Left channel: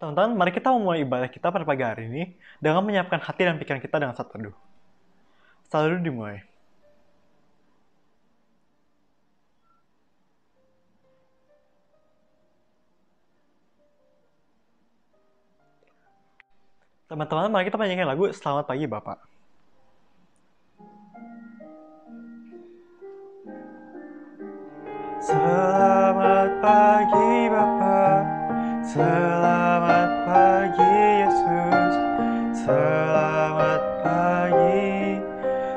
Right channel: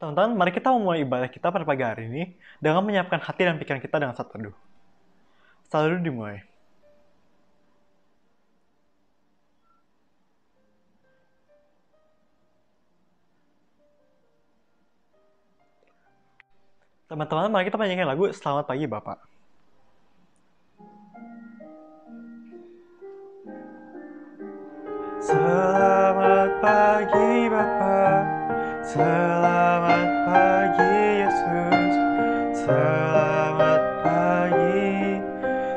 Teman-teman, mari kita memulai ibadah kita pada pagi hari ini dengan menyiapkan hati dan pikiran kita dengan saat teduh. Selalu dimulai. Teman-teman, mari kita menyanyikan lagu Selamat Pagi Bapak. Selamat pagi Bapak, selamat pagi Yesus, selamat pagi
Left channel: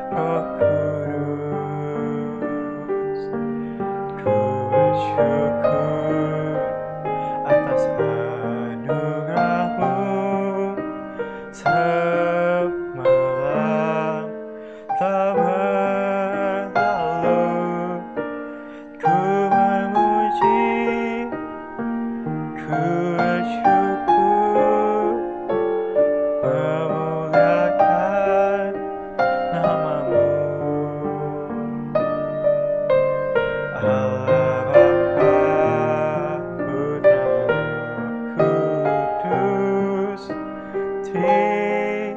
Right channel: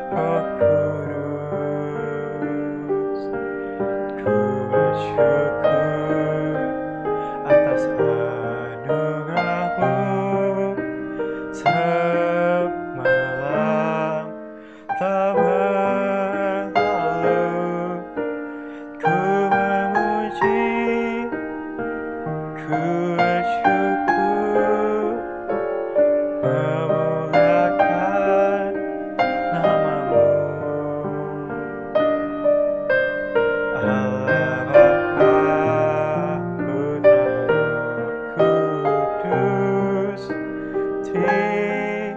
Roh Kudus. Ku bersyukur atas anugerah-Mu semalam telah berlalu. Ku memuji, ku bersyukur, memuliakan nama-Mu. Allah Bapa, Putra, Roh Kudus, terima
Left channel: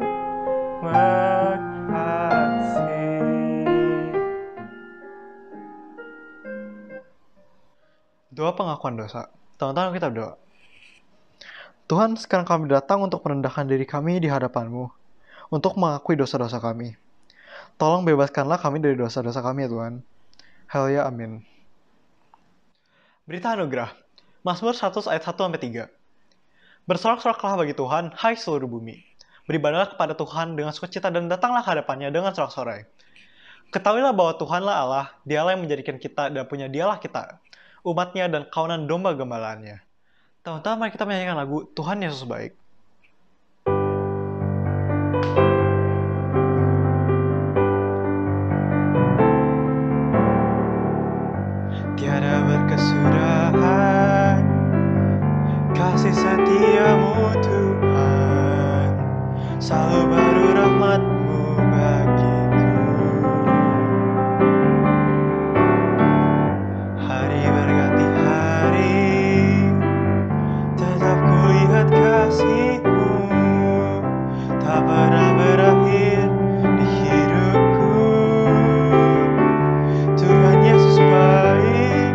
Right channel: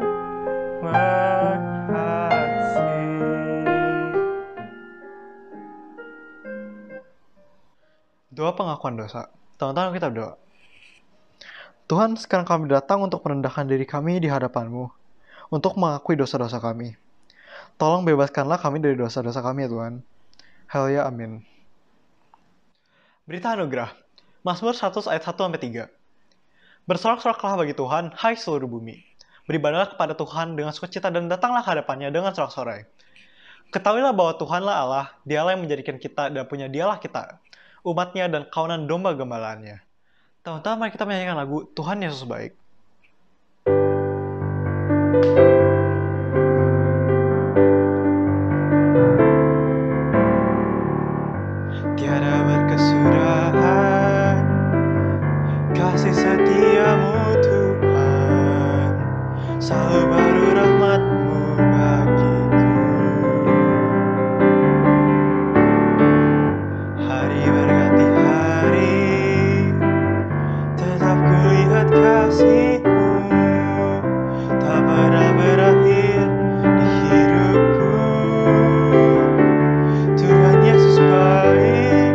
kasih. Doa pengakuan dosa. Teman-teman, kita berdoa. Tuhan, sekarang kami datang untuk merendahkan diri kami di hadapan-Mu, untuk mengakui dosa-dosa kami. Tolong bebaskanlah kami dari dosa-dosa kami ya Tuhan. Haleluya, amin. Berita anugerah. Mazmur 100 ayat 1-3. Bersorak-soraklah bagi Tuhan, hai seluruh bumi. Beribadahlah kepada Tuhan dengan sukacita dan datanglah ke hadapannya dengan sorak-sorai. Ketahuilah bahwa Tuhanlah Allah, Dialah yang menjadikan kita dan punya Dialah kita, umatnya dan kawanan domba gembalaannya. Teman-teman, mari kita menyanyikan lagu Tuhan Yesus Baik. Tiada berkesudahan kasih setiamu Tuhan, selalu baru rahmat-Mu bagiku. Hari berganti hari, tetap kulihat kasih-Mu, tak pernah berakhir di hidupku. Tuhan Yesus baik,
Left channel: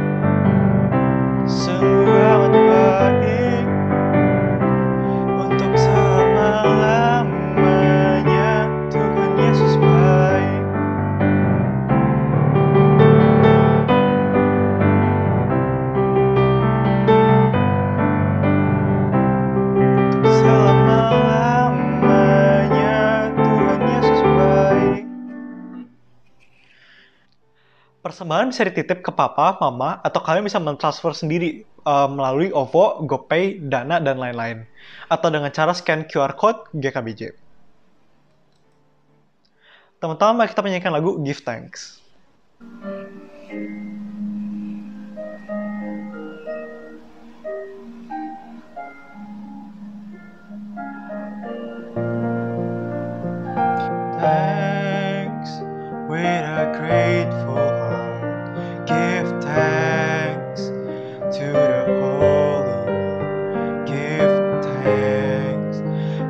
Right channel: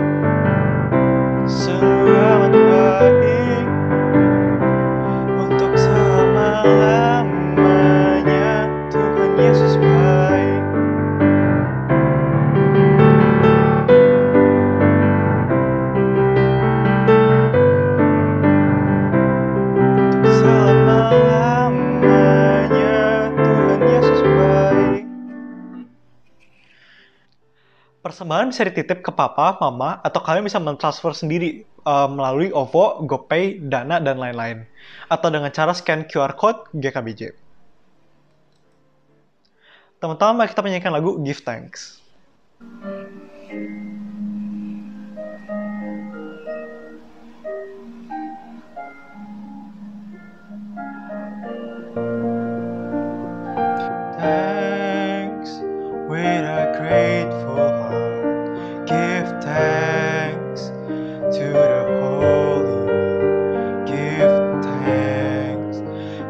sungguh amat baik, untuk selama-lamanya. Tuhan Yesus baik. Untuk selama-lamanya Tuhan Yesus baik. Persembahan bisa dititip ke papa, mama, atau kalian bisa mentransfer sendiri melalui OVO, GoPay, Dana, dan lain-lain. Atau dengan cara scan QR Code GKBJ. Teman-teman, mari kita menyanyikan lagu Give Thanks. Thanks with a grateful heart. Give thanks to the Holy One. Give thanks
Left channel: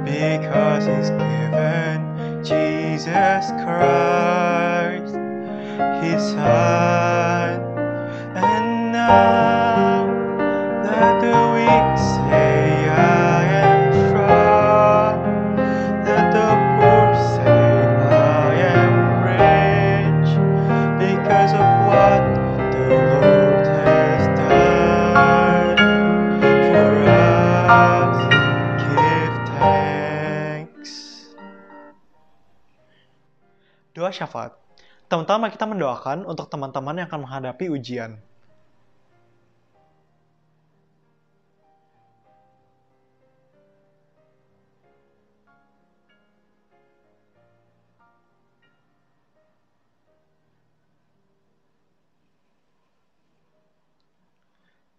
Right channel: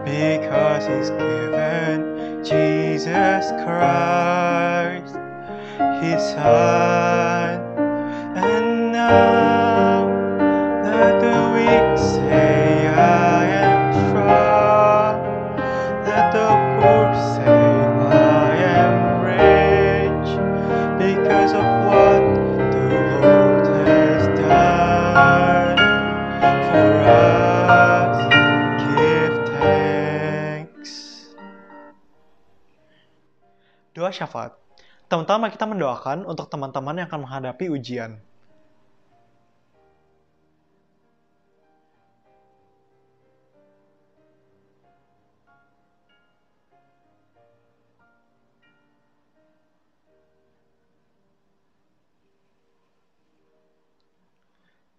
because He's given Jesus Christ, His Son. And now let the weak say, I am strong. Let the poor say, I am rich, because of what the Lord has done for us. Give thanks. Doa syafaat. Teman-teman, kita mendoakan untuk teman-teman yang akan menghadapi ujian.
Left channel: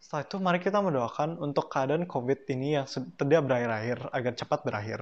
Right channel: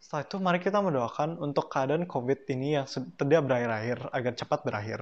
Setelah itu, mari kita mendoakan untuk keadaan COVID ini yang tidak berakhir-akhir, agar cepat berakhir.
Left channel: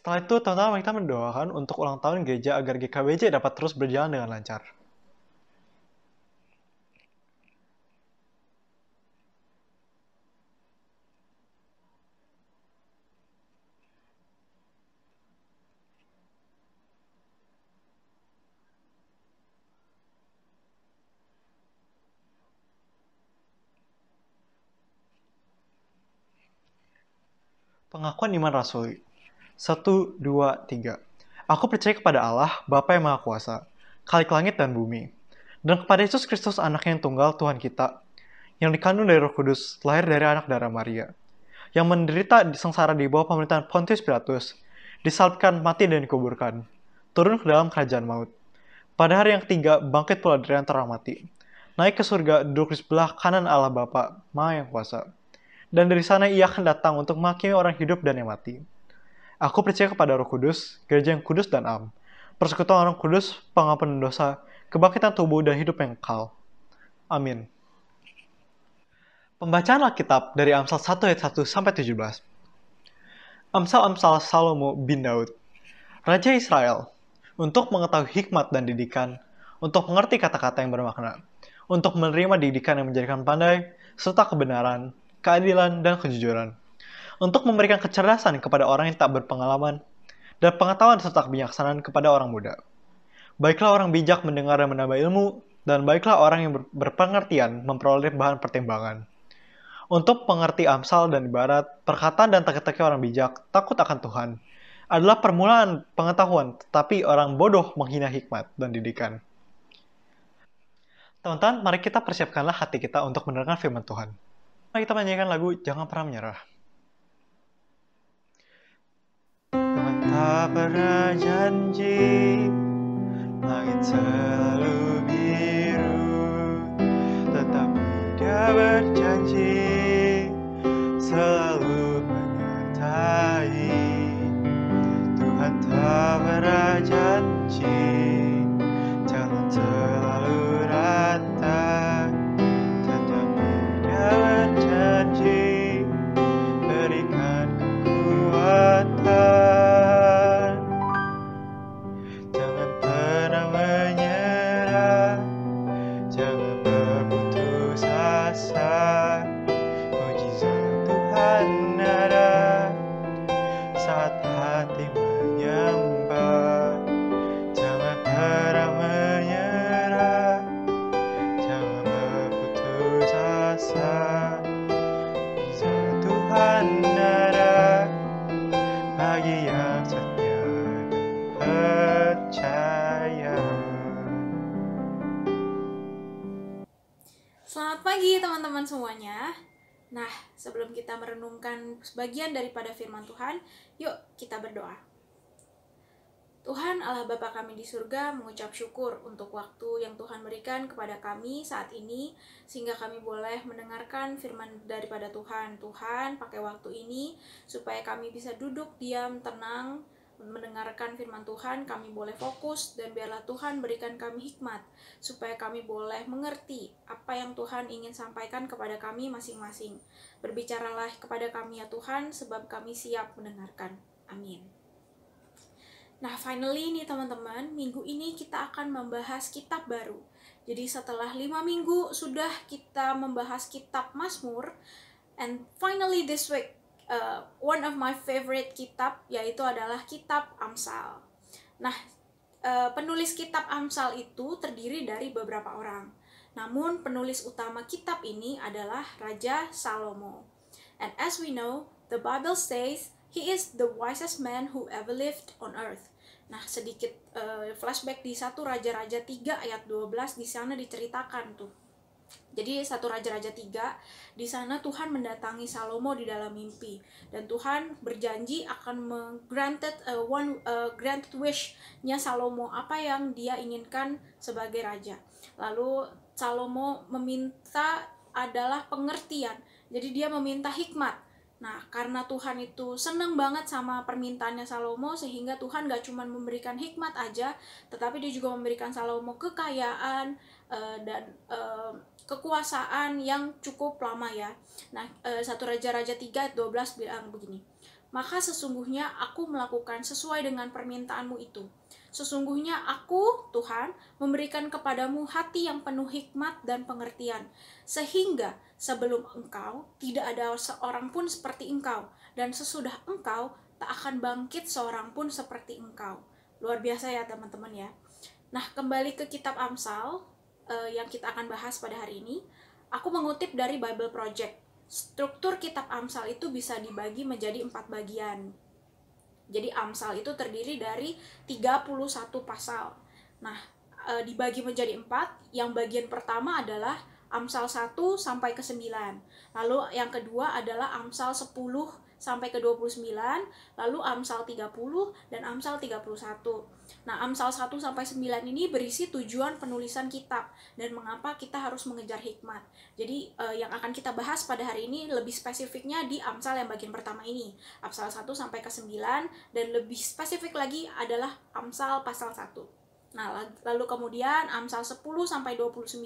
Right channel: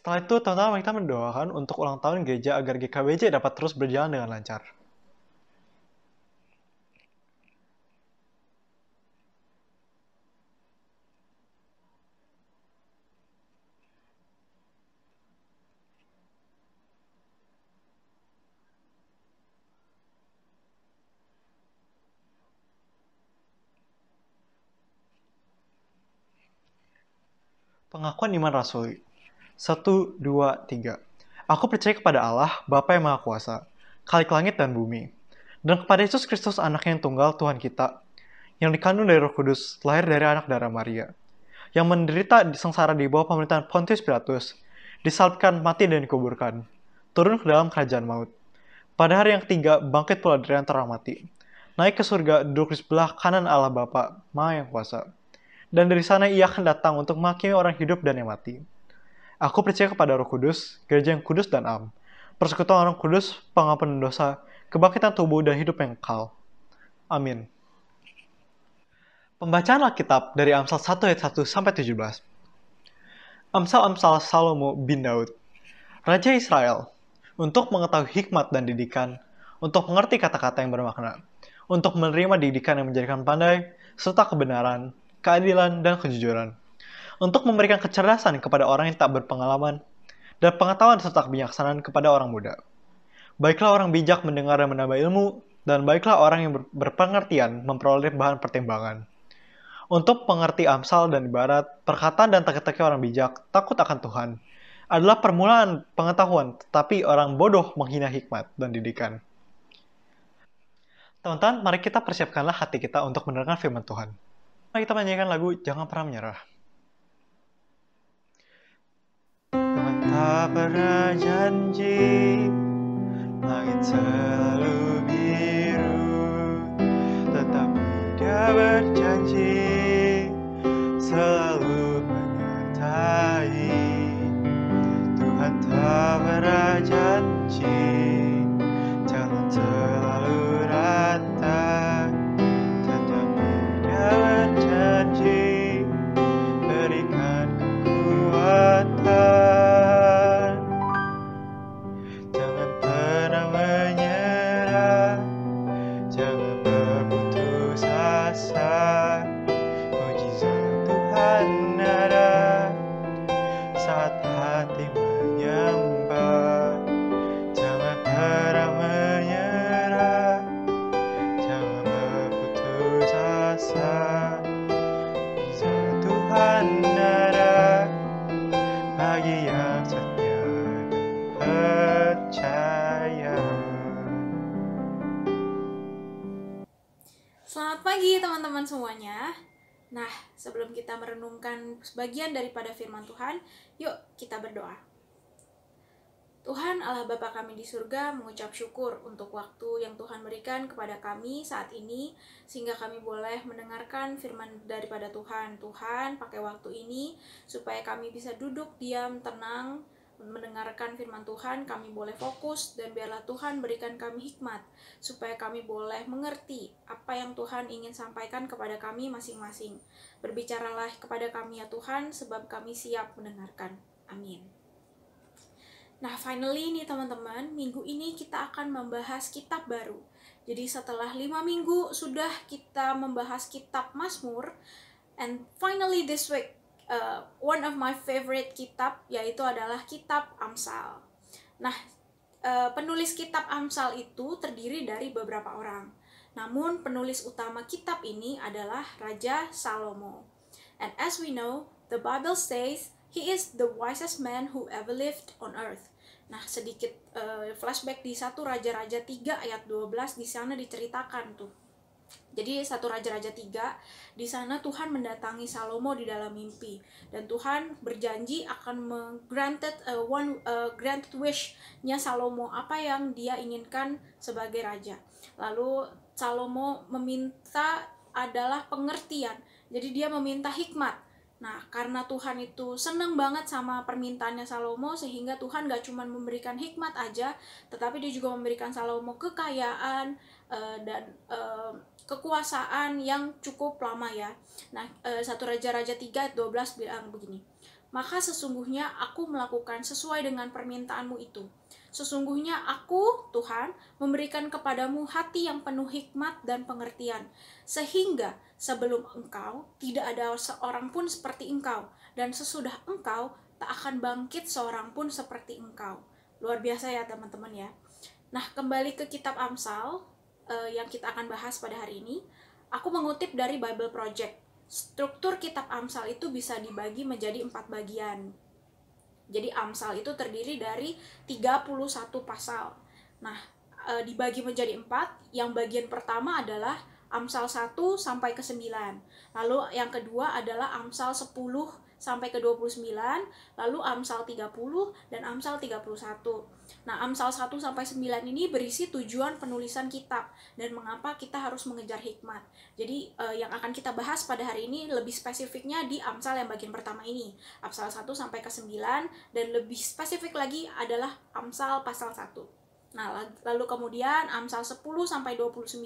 Setelah itu, teman-teman kita mendoakan untuk ulang tahun gereja agar GKBJ dapat terus berjalan dengan lancar. Pengakuan iman rasuli. 1, 2, 3. Aku percaya kepada Allah, Bapa yang Maha Kuasa, Khalik langit dan bumi, dan kepada Yesus Kristus, Anaknya yang tunggal, Tuhan kita, yang dikandung dari Roh Kudus, lahir dari anak darah Maria, yang menderita sengsara di bawah pemerintahan Pontius Pilatus, disalibkan, mati dan dikuburkan, turun ke dalam kerajaan maut. Pada hari yang ketiga, bangkit pula dari antara mati, naik ke surga, duduk di sebelah kanan Allah Bapa, Maha yang Kuasa. Dan dari sana ia akan datang untuk menghakimi orang hidup dan yang mati. Aku percaya kepada Roh Kudus, gereja yang kudus dan am, persekutuan orang kudus, pengampunan dosa, kebangkitan tubuh dan hidup yang kekal. Amin. Pembacaan Alkitab dari Amsal 1 ayat 1 sampai 17. Amsal-amsal Salomo bin Daud, Raja Israel, untuk mengetahui hikmat dan didikan, untuk mengerti kata-kata yang bermakna, untuk menerima didikan yang menjadikan pandai, serta kebenaran, keadilan, dan kejujuran, untuk memberikan kecerdasan kepada orang yang tak berpengalaman, dan pengetahuan serta kebijaksanaan kepada orang muda. Baiklah orang bijak mendengar dan menambah ilmu, dan baiklah orang yang berpengertian memperoleh bahan pertimbangan. Untuk pengerti Amsal dan ibarat, perkataan dan teka-teki orang bijak, takut akan Tuhan, adalah permulaan pengetahuan, tetapi orang bodoh menghina hikmat dan didikan. Teman-teman, mari kita persiapkanlah hati kita untuk mendengarkan firman Tuhan. Mari kita menyanyikan lagu Jangan Pernah Menyerah. Tuhan tak pernah janji langit selalu biru, tetapi Dia berjanji selalu menyertai. Tuhan tak pernah janji jalan selalu rata, tetapi Dia berjanji berikan kekuatan. Jangan pernah menyerah, jangan berputus asa. Mujizat Tuhan ada saat hati menyembah. Jangan pernah menyerah, jangan berputus asa. Mujizat Tuhan ada bagi yang setia dan percaya. Selamat pagi teman-teman semuanya. Nah, sebelum kita merenungkan sebagian daripada firman Tuhan, yuk kita berdoa. Tuhan Allah Bapa kami di surga, mengucap syukur untuk waktu yang Tuhan berikan kepada kami saat ini, sehingga kami boleh mendengarkan firman daripada Tuhan. Tuhan, pakai waktu ini supaya kami bisa duduk diam, tenang, mendengarkan firman Tuhan, kami boleh fokus, dan biarlah Tuhan berikan kami hikmat, supaya kami boleh mengerti apa yang Tuhan ingin sampaikan kepada kami masing-masing. Berbicaralah kepada kami ya Tuhan, sebab kami siap mendengarkan. Amin. Nah, finally nih teman-teman, minggu ini kita akan membahas kitab baru. Jadi setelah 5 minggu sudah kita membahas kitab Mazmur, and finally this week, one of my favorite kitab, yaitu adalah kitab Amsal. Nah, penulis kitab Amsal itu terdiri dari beberapa orang. Namun, penulis utama kitab ini adalah Raja Salomo. And as we know, the Bible says, he is the wisest man who ever lived on earth. Nah, sedikit flashback di 1 Raja-Raja 3 ayat 12, di sana diceritakan tuh. Jadi 1 Raja-Raja 3, di sana Tuhan mendatangi Salomo di dalam mimpi, dan Tuhan berjanji akan granted wish-nya Salomo, apa yang dia inginkan sebagai raja. Lalu Salomo meminta adalah pengertian. Jadi dia meminta hikmat. Nah, karena Tuhan itu senang banget sama permintaannya Salomo, sehingga Tuhan gak cuma memberikan hikmat aja, tetapi dia juga memberikan Salomo kekayaan dan kekuasaan yang cukup lama ya. Nah, 1 Raja-Raja 3 ayat 12 bilang begini, maka sesungguhnya aku melakukan sesuai dengan permintaanmu itu. Sesungguhnya aku, Tuhan, memberikan kepadamu hati yang penuh hikmat dan pengertian, sehingga sebelum engkau tidak ada seorang pun seperti engkau, dan sesudah engkau tak akan bangkit seorang pun seperti engkau. Luar biasa ya teman-teman ya. Nah, kembali ke kitab Amsal yang kita akan bahas pada hari ini, aku mengutip dari Bible Project. Struktur kitab Amsal itu bisa dibagi menjadi 4 bagian. Jadi Amsal itu terdiri dari 31 pasal. Nah, dibagi menjadi 4. Yang bagian pertama adalah Amsal 1 sampai ke 9. Lalu yang kedua adalah Amsal 10 sampai ke 29, lalu Amsal 30 dan Amsal 31. Nah, Amsal 1 sampai 9 ini berisi tujuan penulisan kitab dan mengapa kita harus mengejar hikmat. Jadi yang akan kita bahas pada hari ini lebih spesifiknya di Amsal yang bagian pertama ini, Amsal 1 sampai ke 9, dan lebih spesifik lagi adalah Amsal pasal 1. Nah, lalu kemudian Amsal 10 sampai 29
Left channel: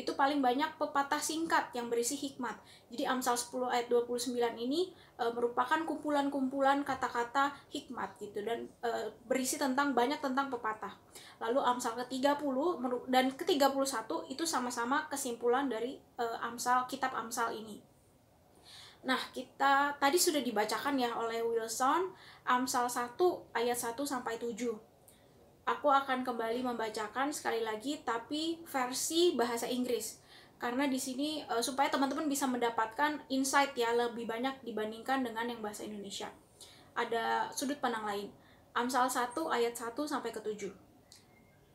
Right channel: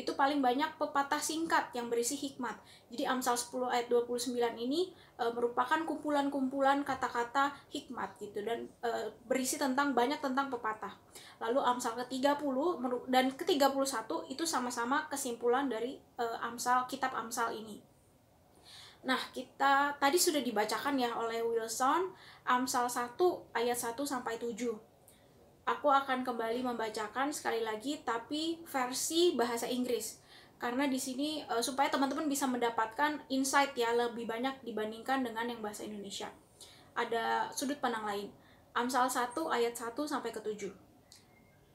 itu paling banyak pepatah singkat yang berisi hikmat. Jadi Amsal 10 ayat 29 ini merupakan kumpulan-kumpulan kata-kata hikmat gitu, dan berisi banyak tentang pepatah. Lalu Amsal ke-30 dan ke-31 itu sama-sama kesimpulan dari kitab Amsal ini. Nah, kita tadi sudah dibacakan ya oleh Wilson Amsal 1 ayat 1 sampai 7. Aku akan kembali membacakan sekali lagi tapi versi bahasa Inggris. Karena di sini supaya teman-teman bisa mendapatkan insight ya lebih banyak dibandingkan dengan yang bahasa Indonesia. Ada sudut pandang lain. Amsal 1 ayat 1 sampai ke 7.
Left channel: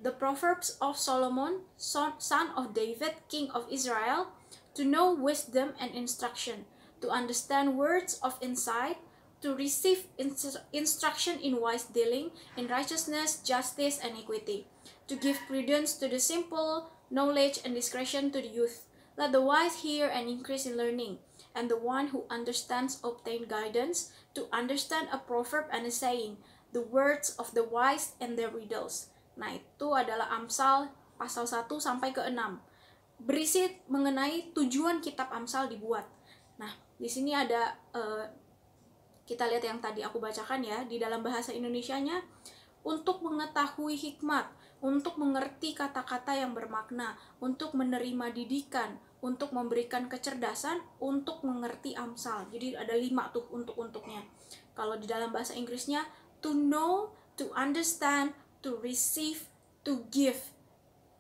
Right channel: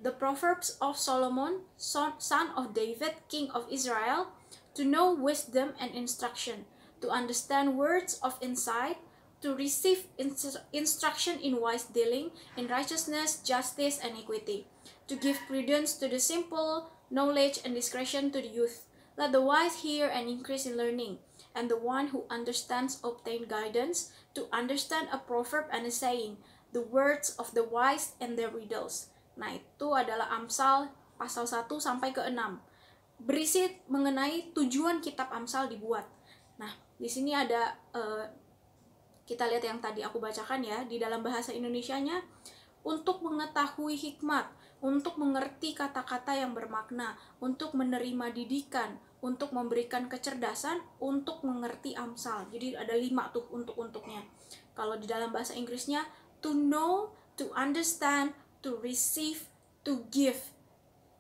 The Proverbs of Solomon, son of David, king of Israel, to know wisdom and instruction, to understand words of insight, to receive instruction in wise dealing, in righteousness, justice, and equity, to give prudence to the simple, knowledge and discretion to the youth. Let the wise hear and increase in learning, and the one who understands obtain guidance, to understand a proverb and a saying, the words of the wise and their riddles. Nah, itu adalah Amsal pasal 1 sampai ke 6. Berisi mengenai tujuan kitab Amsal dibuat. Nah, di sini ada kita lihat yang tadi aku bacakan ya, di dalam bahasa Indonesianya, untuk mengetahui hikmat, untuk mengerti kata-kata yang bermakna, untuk menerima didikan, untuk memberikan kecerdasan, untuk mengerti Amsal. Jadi ada 5 tuh untuknya. Kalau di dalam bahasa Inggrisnya, to know, to understand, to receive, to give,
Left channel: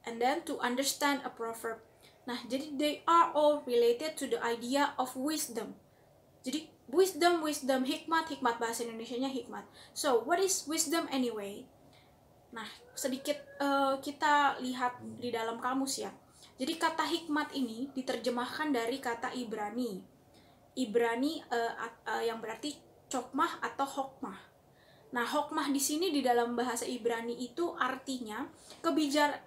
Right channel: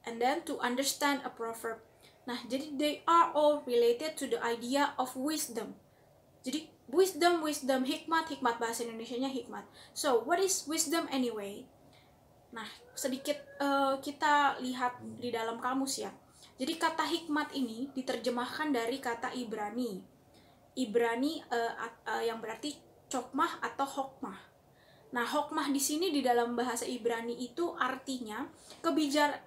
and then to understand a proverb. Nah, jadi they are all related to the idea of wisdom. Jadi wisdom, hikmat bahasa Indonesianya hikmat. So, what is wisdom anyway? Nah, sedikit kita lihat di dalam kamus ya. Jadi kata hikmat ini diterjemahkan dari kata Ibrani. Ibrani yang berarti chokmah atau hokmah. Nah, hokmah di sini di dalam bahasa Ibrani itu artinya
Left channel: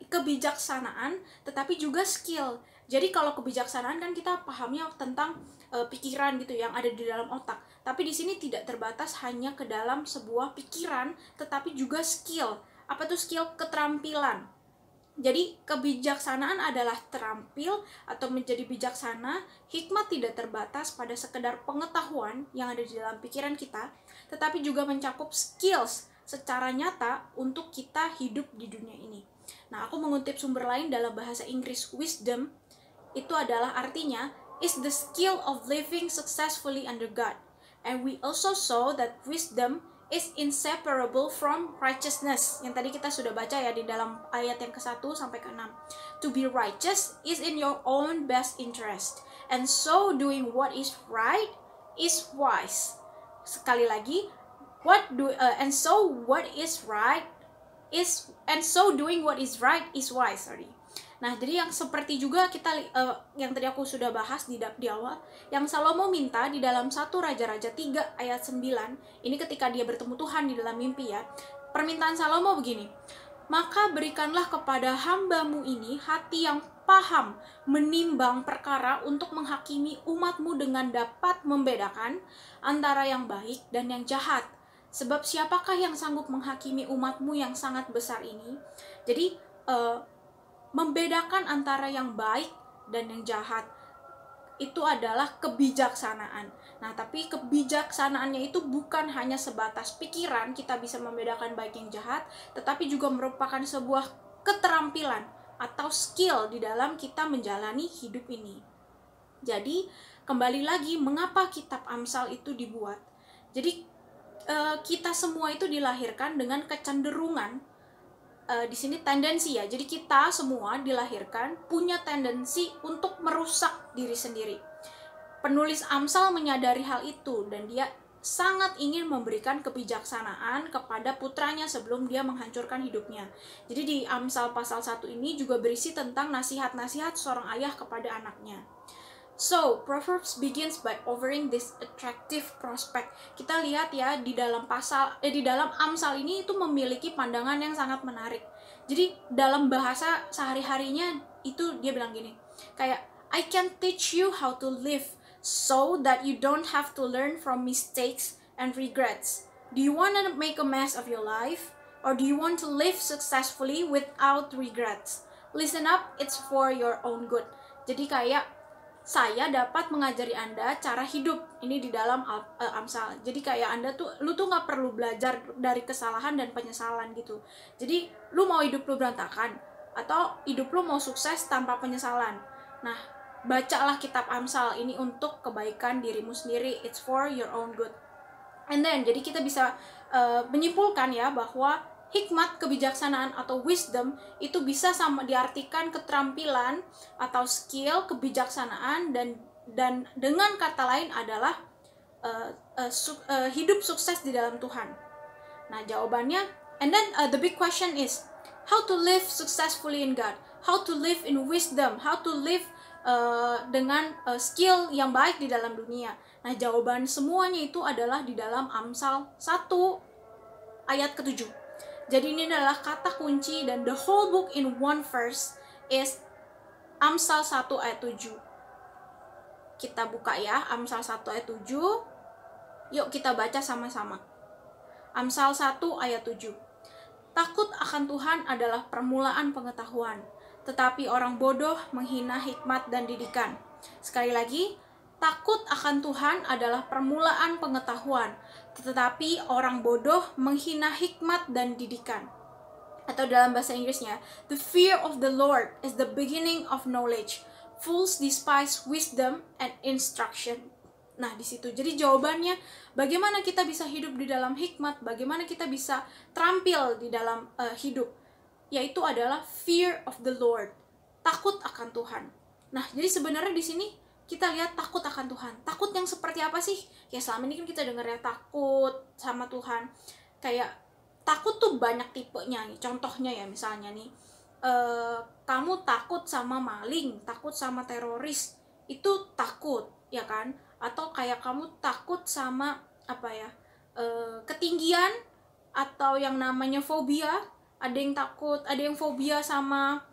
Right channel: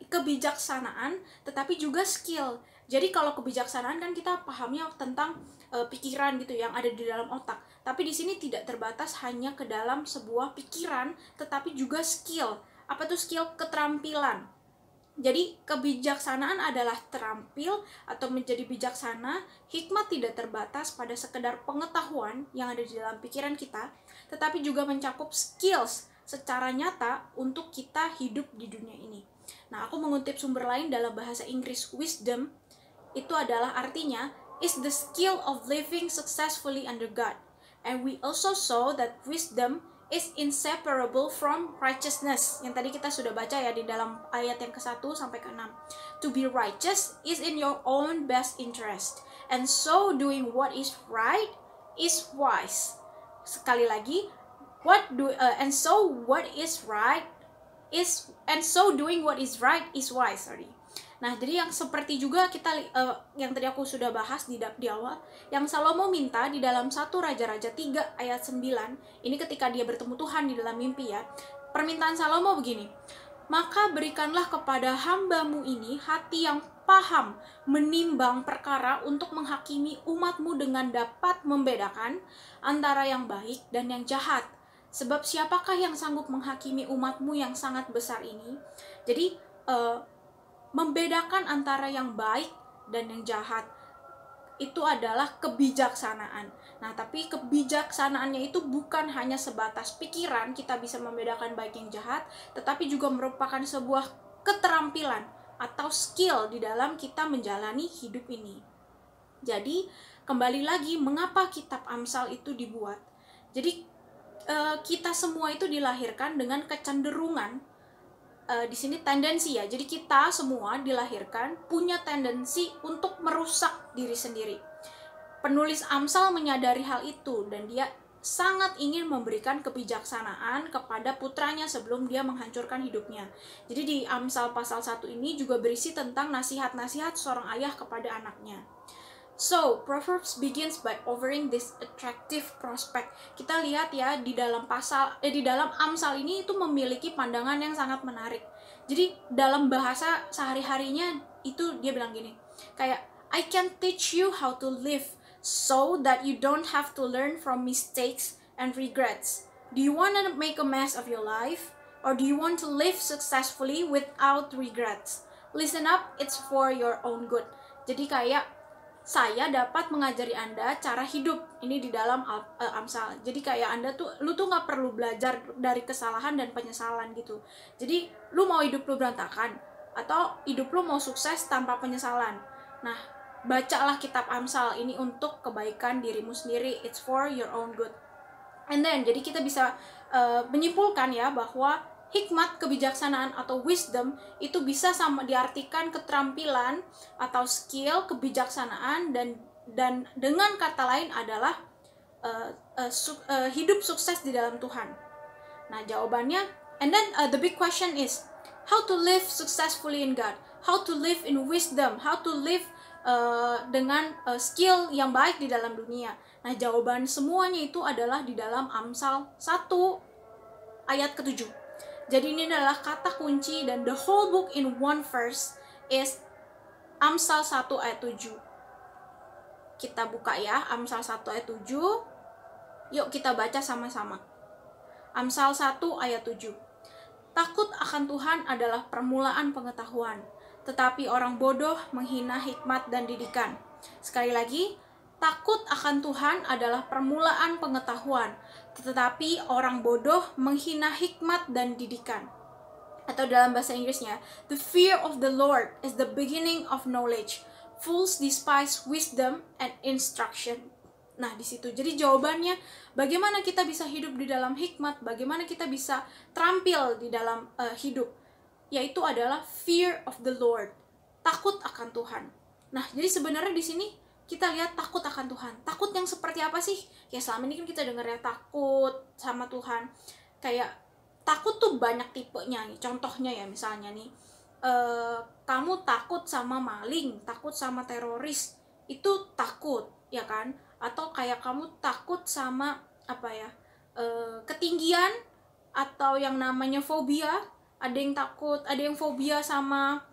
kebijaksanaan, tetapi juga skill. Jadi kalau kebijaksanaan kan kita pahamnya tentang pikiran gitu yang ada di dalam otak. Tapi di sini tidak terbatas hanya ke dalam sebuah pikiran, tetapi juga skill. Apa tuh skill? Keterampilan. Jadi kebijaksanaan adalah terampil atau menjadi bijaksana. Hikmat tidak terbatas pada sekedar pengetahuan yang ada di dalam pikiran kita, tetapi juga mencakup skills secara nyata untuk kita hidup di dunia ini. Nah, aku mengutip sumber lain dalam bahasa Inggris, wisdom itu adalah artinya is the skill of living successfully under God. And we also saw that wisdom is inseparable from righteousness. Yang tadi kita sudah baca ya di dalam ayat yang ke-1 sampai ke-6. To be righteous is in your own best interest. And so doing what is right is wise. Sekali lagi, and so doing what is right is wise. Nah, jadi yang seperti juga kita yang tadi aku sudah bahas di awal, yang Salomo minta di dalam 1 Raja-Raja 3 ayat 9, ini ketika dia bertemu Tuhan di dalam mimpi ya. Permintaan Salomo begini, maka berikanlah kepada hambamu ini hati yang paham menimbang perkara untuk menghakimi umatmu dengan dapat membedakan antara yang baik dan yang jahat. Sebab siapakah yang sanggup menghakimi umatmu yang sangat besar ini? Jadi membedakan antara yang baik dan yang jahat. itu adalah kebijaksanaan. Nah, tapi kebijaksanaannya itu bukan hanya sebatas pikiran, kita bisa membedakan baik yang jahat, tetapi juga merupakan sebuah keterampilan atau skill di dalam kita menjalani hidup ini. Jadi, kembali lagi, mengapa kitab Amsal itu dibuat? Jadi, kita semua itu dilahirkan dengan kecenderungan, di sini tendensi ya. Jadi kita semua dilahirkan punya tendensi untuk merusak diri sendiri. Penulis Amsal menyadari hal itu dan dia sangat ingin memberikan kebijaksanaan kepada putranya sebelum dia menghancurkan hidupnya. Jadi di Amsal pasal 1 ini juga berisi tentang nasihat-nasihat seorang ayah kepada anaknya. So, Proverbs begins by offering this attractive prospect. Kita lihat ya di dalam di dalam Amsal ini itu memiliki pandangan yang sangat menarik. Jadi dalam bahasa sehari-harinya itu dia bilang gini, kayak I can teach you how to live so that you don't have to learn from mistakes and regrets. Do you want to make a mess of your life or do you want to live successfully without regrets? Listen up, it's for your own good. Jadi kayak saya dapat mengajari Anda cara hidup ini di dalam Amsal. Jadi kayak lu tuh nggak perlu belajar dari kesalahan dan penyesalan gitu. Jadi lu mau hidup lu berantakan atau hidup lu mau sukses tanpa penyesalan. Nah, bacalah kitab Amsal ini untuk kebaikan dirimu sendiri. It's for your own good. And then jadi kita bisa menyimpulkan ya bahwa hikmat, kebijaksanaan, atau wisdom itu bisa sama diartikan keterampilan atau skill, kebijaksanaan, dan dengan kata lain adalah hidup sukses di dalam Tuhan. Nah, jawabannya, and then the big question is, how to live successfully in God, how to live in wisdom, how to live dengan skill yang baik di dalam dunia. Nah, jawaban semuanya itu adalah di dalam Amsal 1 ayat ke-7. Jadi ini adalah kata kunci dan the whole book in one verse is Amsal 1 ayat 7. Kita buka ya, Amsal 1 ayat 7. Yuk kita baca sama-sama. Amsal 1 ayat 7. Takut akan Tuhan adalah permulaan pengetahuan, tetapi orang bodoh menghina hikmat dan didikan. Sekali lagi, takut akan Tuhan adalah permulaan pengetahuan, tetapi orang bodoh menghina hikmat dan didikan. Atau dalam bahasa Inggrisnya, the fear of the Lord is the beginning of knowledge. Fools despise wisdom and instruction. Nah, di situ. Jadi jawabannya, bagaimana kita bisa hidup di dalam hikmat, bagaimana kita bisa terampil di dalam hidup, yaitu adalah fear of the Lord. Takut akan Tuhan. Nah, jadi sebenarnya di sini kita lihat takut akan Tuhan. Takut yang seperti apa sih? Ya selama ini kan kita dengar ya takut sama Tuhan. Kayak takut tuh banyak tipenya nih. Contohnya ya misalnya nih, kamu takut sama maling, takut sama teroris, itu takut, ya kan? Atau kayak kamu takut sama apa ya? Ketinggian atau yang namanya fobia. Ada yang takut, ada yang fobia sama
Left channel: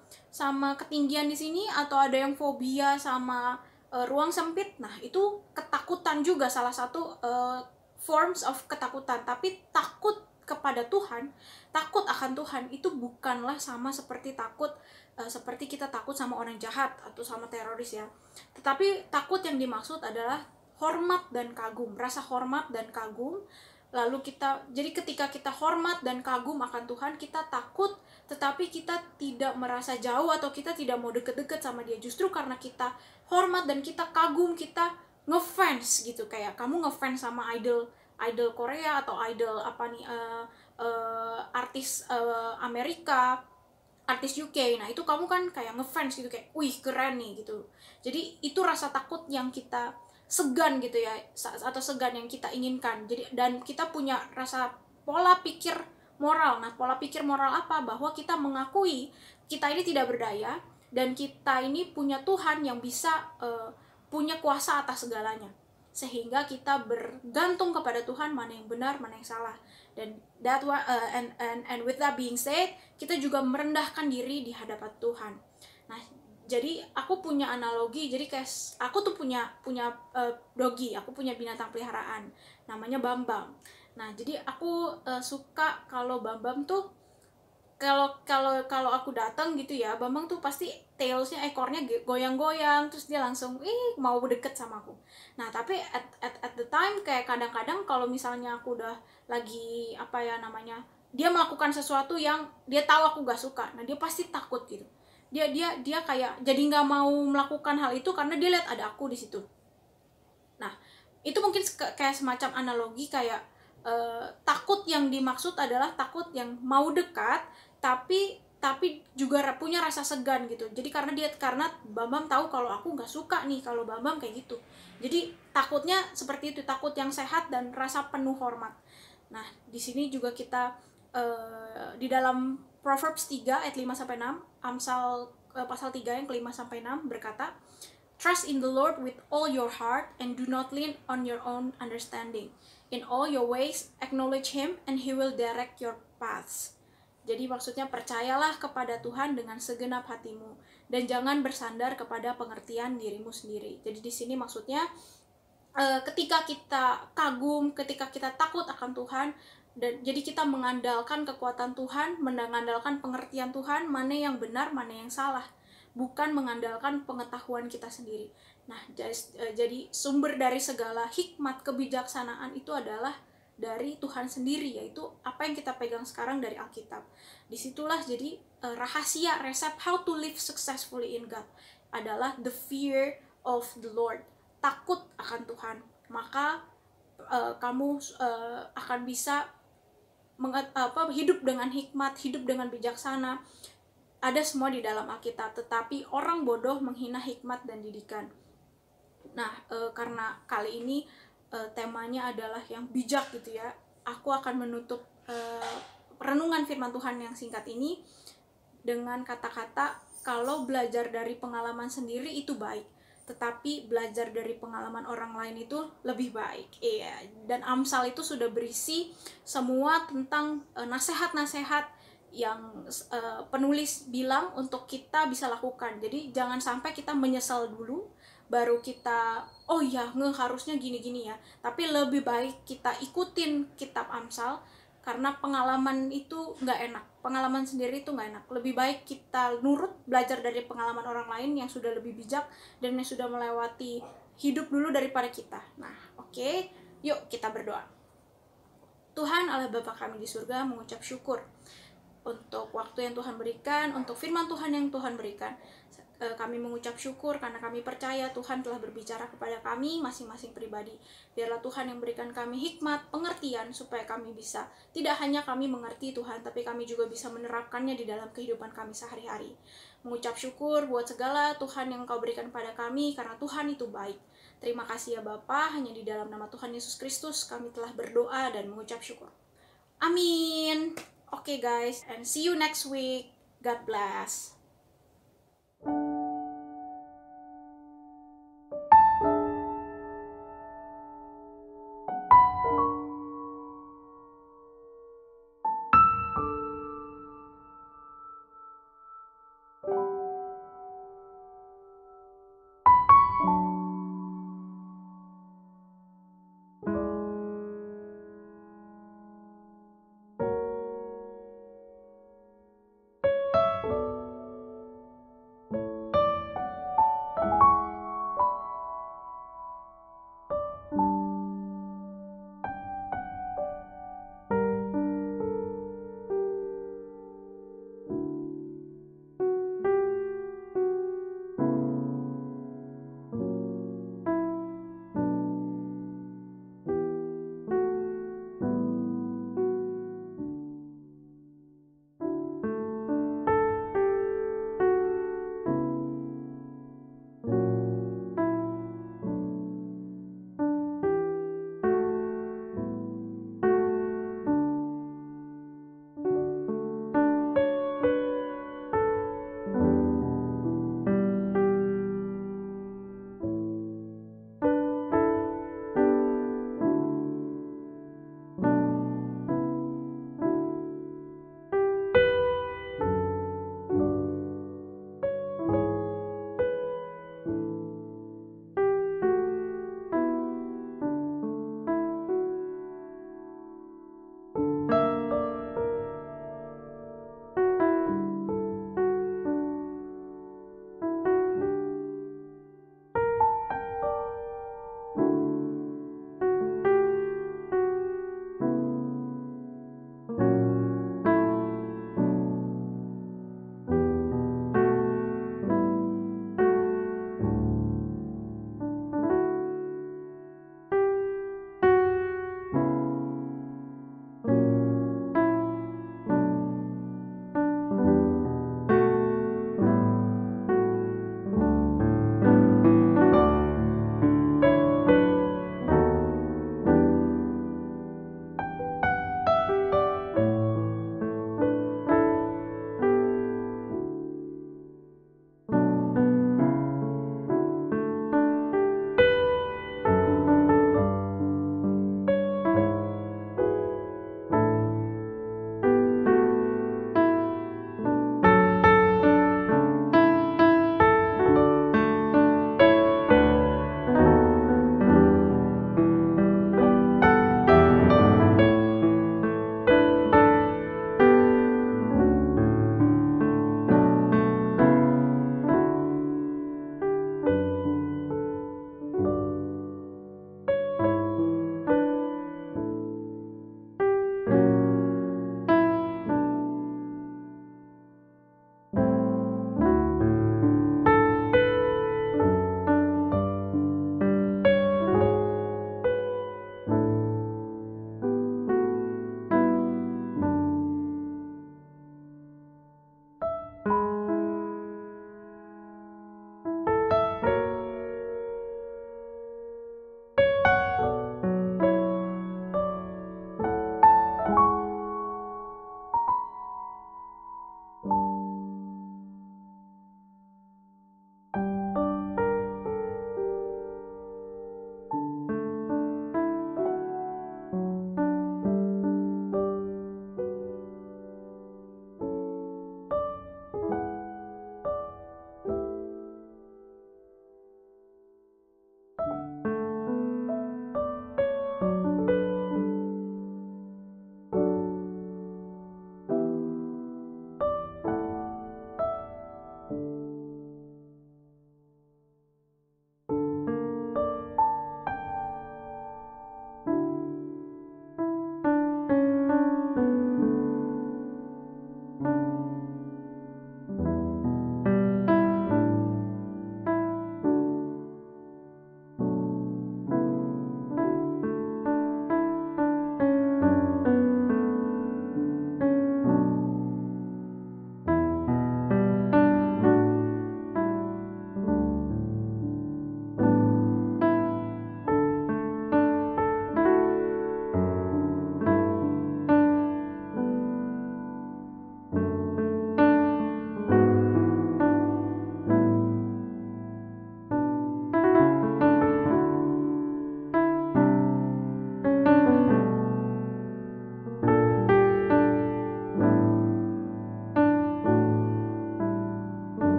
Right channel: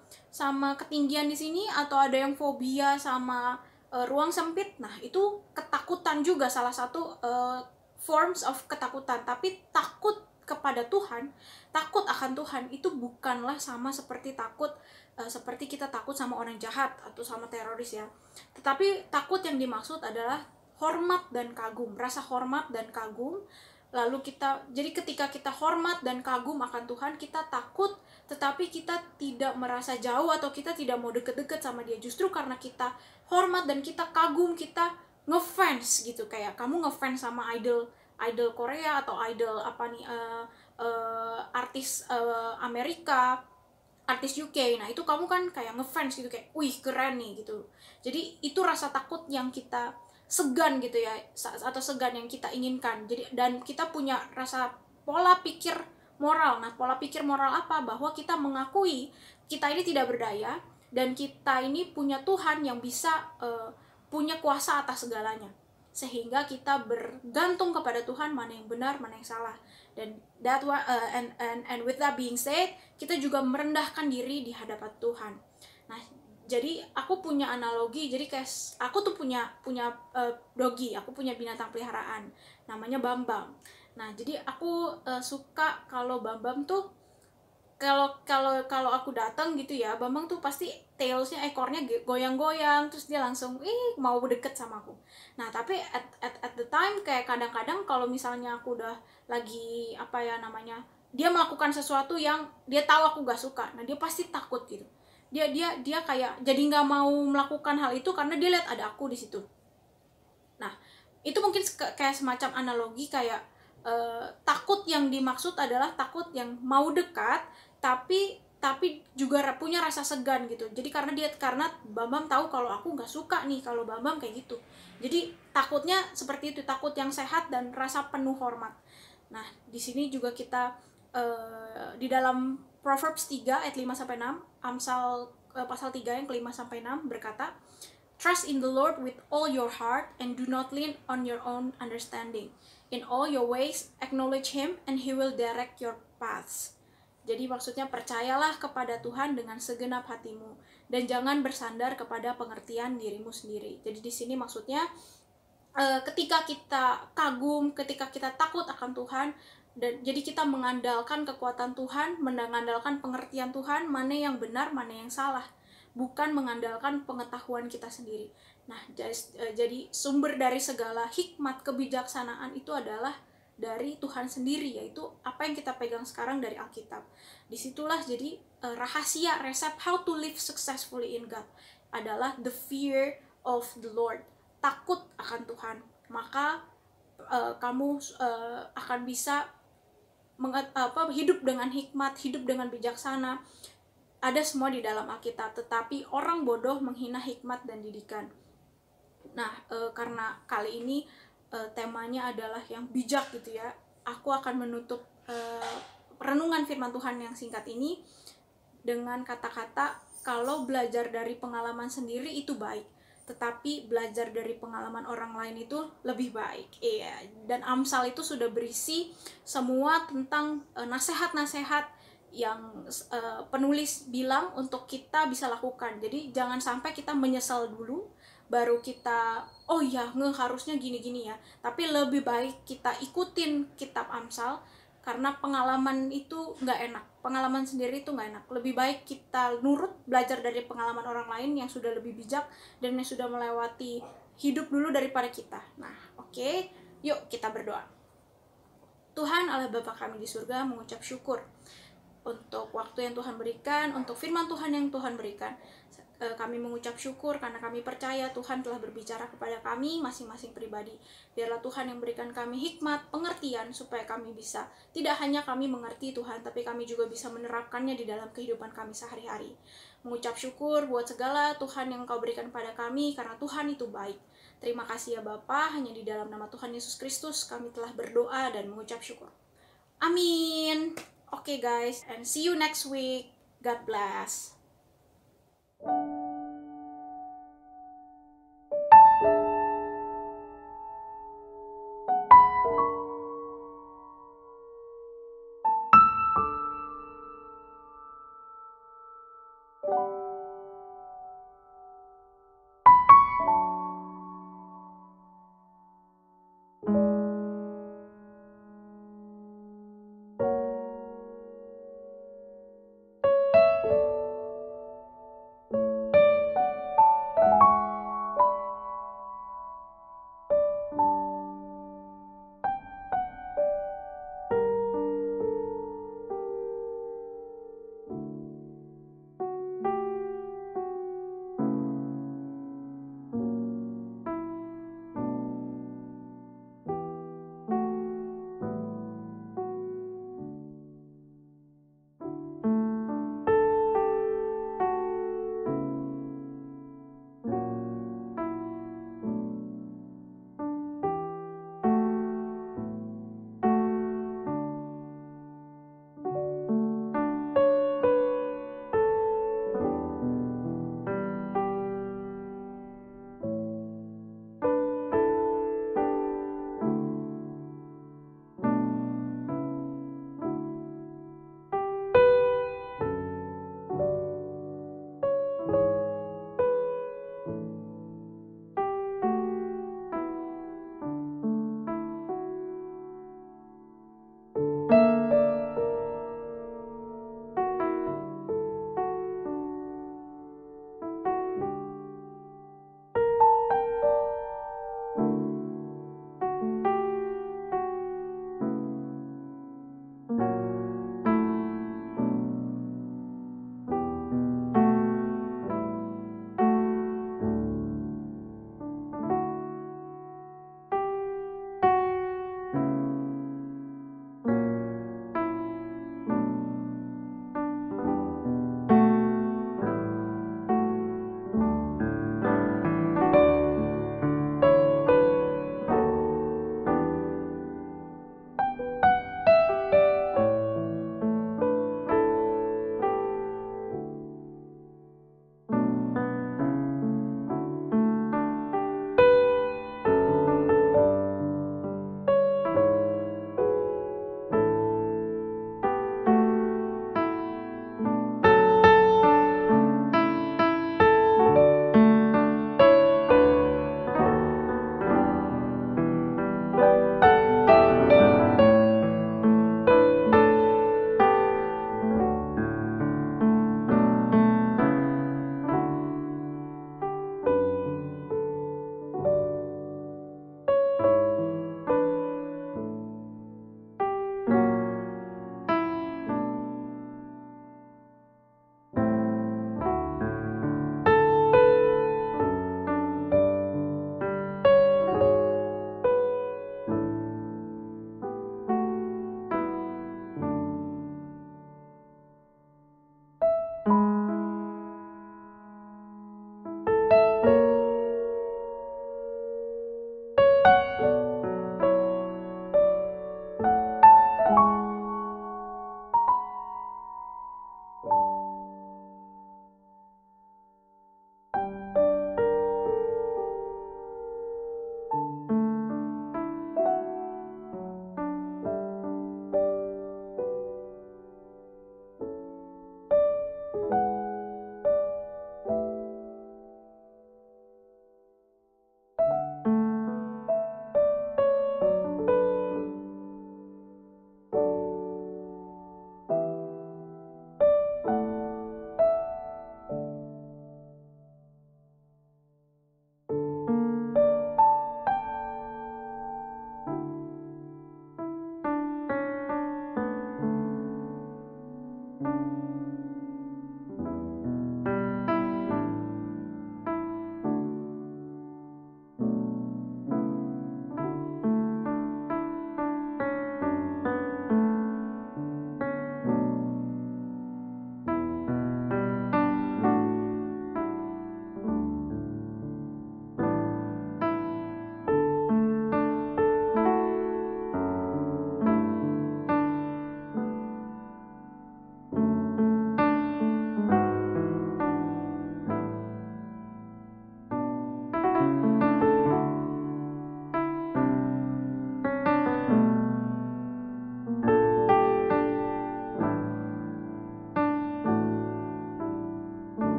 ketinggian di sini, atau ada yang fobia sama ruang sempit. Nah, itu ketakutan juga, salah satu forms of ketakutan. Tapi takut kepada Tuhan, takut akan Tuhan itu bukanlah sama seperti takut seperti kita takut sama orang jahat atau sama teroris ya. Tetapi takut yang dimaksud adalah hormat dan kagum, rasa hormat dan kagum. Lalu jadi ketika kita hormat dan kagum akan Tuhan, kita takut, tetapi kita tidak merasa jauh atau kita tidak mau deket-deket sama dia. Justru karena kita hormat dan kita kagum, kita ngefans gitu. Kayak kamu ngefans sama idol Korea atau idol apa nih, artis Amerika, artis UK. Nah, itu kamu kan kayak ngefans gitu, kayak wih keren nih gitu. Jadi itu rasa takut yang kita segan gitu ya, atau segan yang kita inginkan. Jadi dan kita punya rasa pola pikir moral. Nah, pola pikir moral apa? Bahwa kita mengakui kita ini tidak berdaya dan kita ini punya Tuhan yang bisa punya kuasa atas segalanya. Sehingga kita bergantung kepada Tuhan, mana yang benar, mana yang salah. Dan and with that being said, kita juga merendahkan diri di hadapan Tuhan. Nah, jadi aku punya analogi, jadi kayak aku tuh punya doggy, aku punya binatang peliharaan, namanya Bambang. Nah, jadi aku suka kalau Bambang tuh kalau aku datang gitu ya, Bambang tuh pasti tailsnya, ekornya goyang-goyang, terus dia langsung mau deket sama aku. Nah tapi at the time kayak kadang-kadang kalau misalnya aku udah lagi apa ya namanya, dia melakukan sesuatu yang dia tahu aku gak suka, nah dia pasti takut gitu. Dia kayak jadi nggak mau melakukan hal itu karena dia lihat ada aku di situ. Nah itu mungkin kayak semacam analogi kayak takut yang dimaksud adalah takut yang mau dekat tapi juga punya rasa segan gitu. Jadi karena Bambang tahu kalau aku nggak suka nih kalau Bambang kayak gitu. Jadi takutnya seperti itu, takut yang sehat dan rasa penuh hormat. Nah, di sini juga kita di dalam Proverbs 3 ayat 5 sampai 6, Amsal pasal 3 yang ke-5 sampai 6 berkata, "Trust in the Lord with all your heart and do not lean on your own understanding. In all your ways acknowledge him and he will direct your paths." Jadi maksudnya percayalah kepada Tuhan dengan segenap hatimu dan jangan bersandar kepada pengertian dirimu sendiri. Jadi di sini maksudnya ketika kita kagum, ketika kita takut akan Tuhan, dan jadi kita mengandalkan kekuatan Tuhan, mengandalkan pengertian Tuhan, mana yang benar, mana yang salah, bukan mengandalkan pengetahuan kita sendiri. Nah, jadi sumber dari segala hikmat kebijaksanaan itu adalah dari Tuhan sendiri, yaitu apa yang kita pegang sekarang dari Alkitab. Disitulah jadi rahasia resep how to live successfully in God adalah the fear of the Lord, takut akan Tuhan. Maka kamu akan bisa hidup dengan hikmat, hidup dengan bijaksana. Ada semua di dalam Alkitab, tetapi orang bodoh menghina hikmat dan didikan. Nah, karena kali ini temanya adalah yang bijak gitu ya, aku akan menutup renungan firman Tuhan yang singkat ini dengan kata-kata kalau belajar dari pengalaman sendiri itu baik, tetapi belajar dari pengalaman orang lain itu lebih baik. Iya, dan Amsal itu sudah berisi semua tentang nasihat-nasihat yang penulis bilang untuk kita bisa lakukan. Jadi jangan sampai kita menyesal dulu baru kita oh ya harusnya gini-gini ya, tapi lebih baik kita ikutin kitab Amsal karena pengalaman itu nggak enak, pengalaman sendiri itu nggak enak. Lebih baik kita nurut, belajar dari pengalaman orang lain yang sudah lebih bijak dan yang sudah melewati hidup dulu daripada kita. Nah, oke, yuk kita berdoa. Tuhan Allah Bapa kami di surga, mengucap syukur untuk waktu yang Tuhan berikan, untuk firman Tuhan yang Tuhan berikan. Kami mengucap syukur karena kami percaya Tuhan telah berbicara kepada kami masing-masing pribadi. Biarlah Tuhan yang berikan kami hikmat, pengertian, supaya kami bisa, tidak hanya kami mengerti Tuhan, tapi kami juga bisa menerapkannya di dalam kehidupan kami sehari-hari. Mengucap syukur buat segala Tuhan yang Kau berikan pada kami, karena Tuhan itu baik. Terima kasih ya Bapa, hanya di dalam nama Tuhan Yesus Kristus kami telah berdoa dan mengucap syukur. Amin. Okay guys, and see you next week. God bless.